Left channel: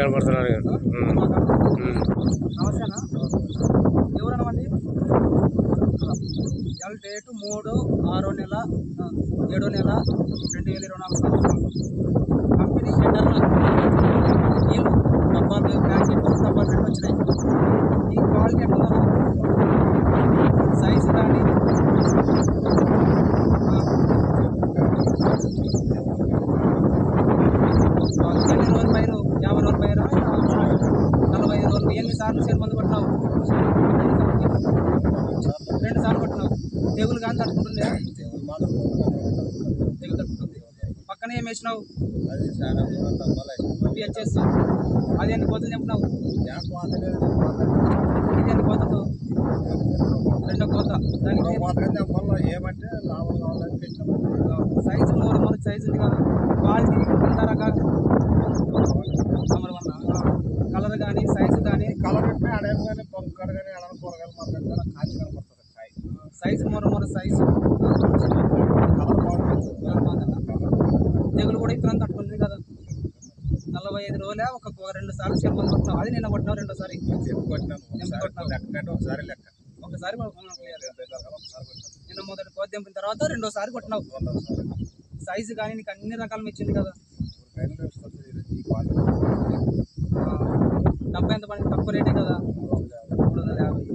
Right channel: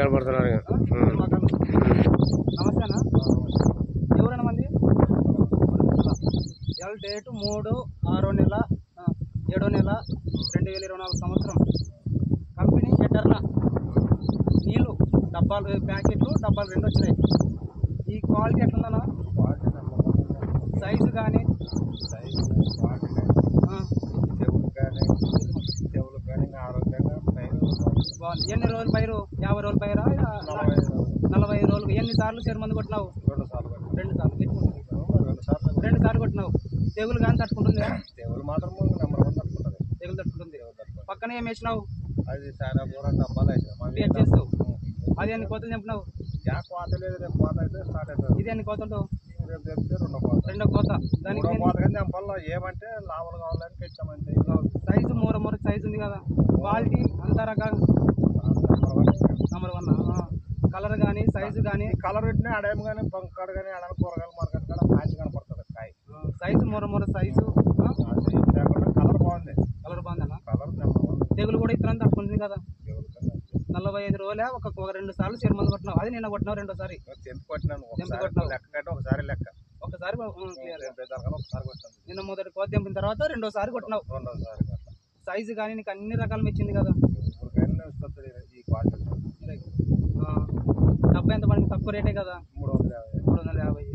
కనపడుతున్నారు. నమస్తేనా, ఎవరన్నా మంది ఇవాళ డేటు 3/6/7/2024 సంవత్సరం. కంపెనీ షట్టర్న నీళ్ళు డబ్బాలు ప్యాకెట్ డబ్బాలు 2 వచ్చినాయి. ఈ క్వాలిటీ ఎట్లుందన్నా, సైజు కానీ ఎన్ని రోజులు పైరు? 50 రోజులు పైరా, 45 రోజులు? ఎన్నిసార్లు సేరు మందు కొట్టినావు? 2 సార్లు కొట్టినావు. తెగులు కానీ తట్టుకుంటుందా? తెగులు మాత్రం తెగులు తట్టుకుంటుంది. పక్కన ఏం వేసినావు? అది చాలా డబ్బాలు పిహెచ్ఎస్. అది ఎన్ని కోతలు చెప్పినావు? ఇది ఎన్ని కోతలు? 2వ కోత. దానికి ఏమంటే లాభాలు కావాలని పెట్టామంటే సైజు మూర సైజు ఉంది కదా. క్వాలిటీ ఎంత రకాలు? నెంబర్ 1. కలర్ కానీ సైజు కానీ? కలర్ పెట్టినా అడేం కానీ బంకర్ కానీ అలా కూరగాయలు మార్కెట్ కూడా కాచి కనపడుతుంది. కాయ సైజు మూర సైజు. కలర్ బాగుంది. కలర్ బాగుందన్న. తెగులు కూడా ఇతరం తట్టుకుంటుంది కదా. 45 రోజులే ఒక 2 సార్లు సేరు మందు కొట్టినావు. అది నిన్న కొట్టినావు 2వ సారి. కొట్టినాను. ఒకసారి లెక్క ఒకసారి క్లియర్. ఒకసారి కొట్టాను. నిన్న మొదటి కోత దింపిన తర్వాత 2వ సారి కొట్టినావు. 2వ సారి సైజు కానీ నీకు అన్ని రకాలు మెచ్చింది కదా. ఈ క్వాలిటీ డబ్బా ఎంత పడింది? తక్కువ రేటే కదా, 350. 350.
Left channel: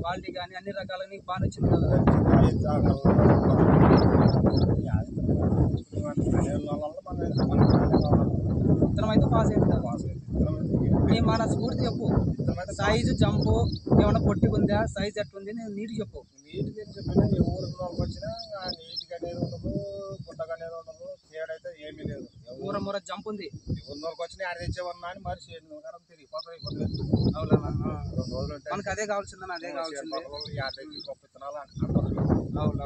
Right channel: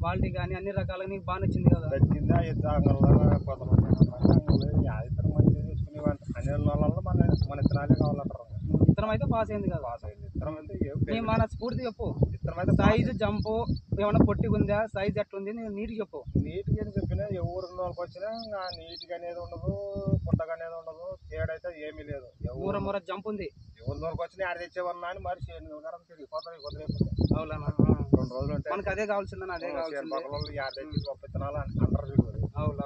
క్వాలిటీ కానీ అన్ని రకాలుగా నీకు బాగా నచ్చింది కదా. ఇతరం అయితే పాస్ అయింది కదా. నీ మన స్ఫూర్తి చెప్పు. సైజు జంపు ఏమన్నా పొట్టి ఉందా? సైజు ఎట్లుంది? నేను నీట్గా చెప్పు. నీట్గా అని చెప్పినా ఎవరు వాళ్ళకి వచ్చినా నీట్గా అనేది ఉండదు, పుట్టగా అనేది ఉండదు. తేడైతే ఏమీ లేదు. మూర జంప్ ఉంది. ఎవరి వాళ్ళకి వచ్చినా ఆడ తెచ్చేవన్నా అని మరి తిరిగిపోతారు. అవునా? 2 రోజులు ఉంటాయి. మనకు అదే కావాల్సిందని. అదే కావాల్సింది. విత్తనాలు అంటారు. అవును.